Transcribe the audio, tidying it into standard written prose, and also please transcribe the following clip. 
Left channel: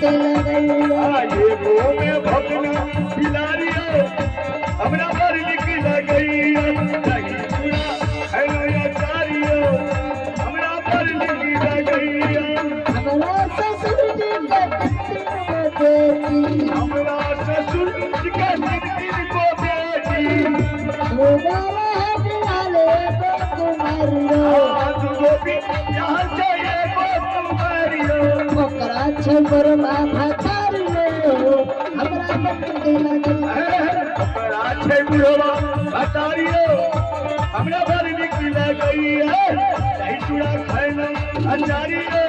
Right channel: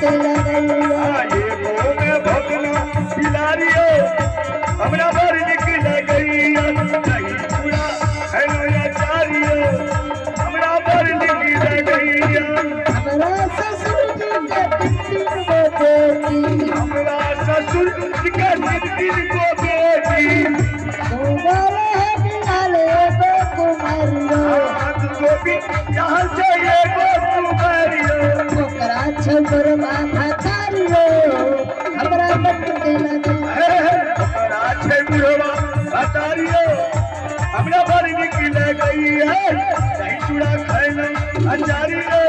के लगैया ये वो में भगना बिलारियो हमरा बर निकल गईया नहीं पूरा है नो यारियो हमरा बर निकल गईया हमरा ससुर जी के तीन गो बेटी हमरा ससुर जी के तीन गो बेटी दो बड़े हटियाले दो कुमारियो तू गोपी यहाँ से ये गो कुमारियो ओकरा छबर माथा तारियो हमरा बट के लगैया ओकरा छै बुढ़वा बतारियो हमरा बर निकल गईया नहीं चूड़ा खाइनो अचारियो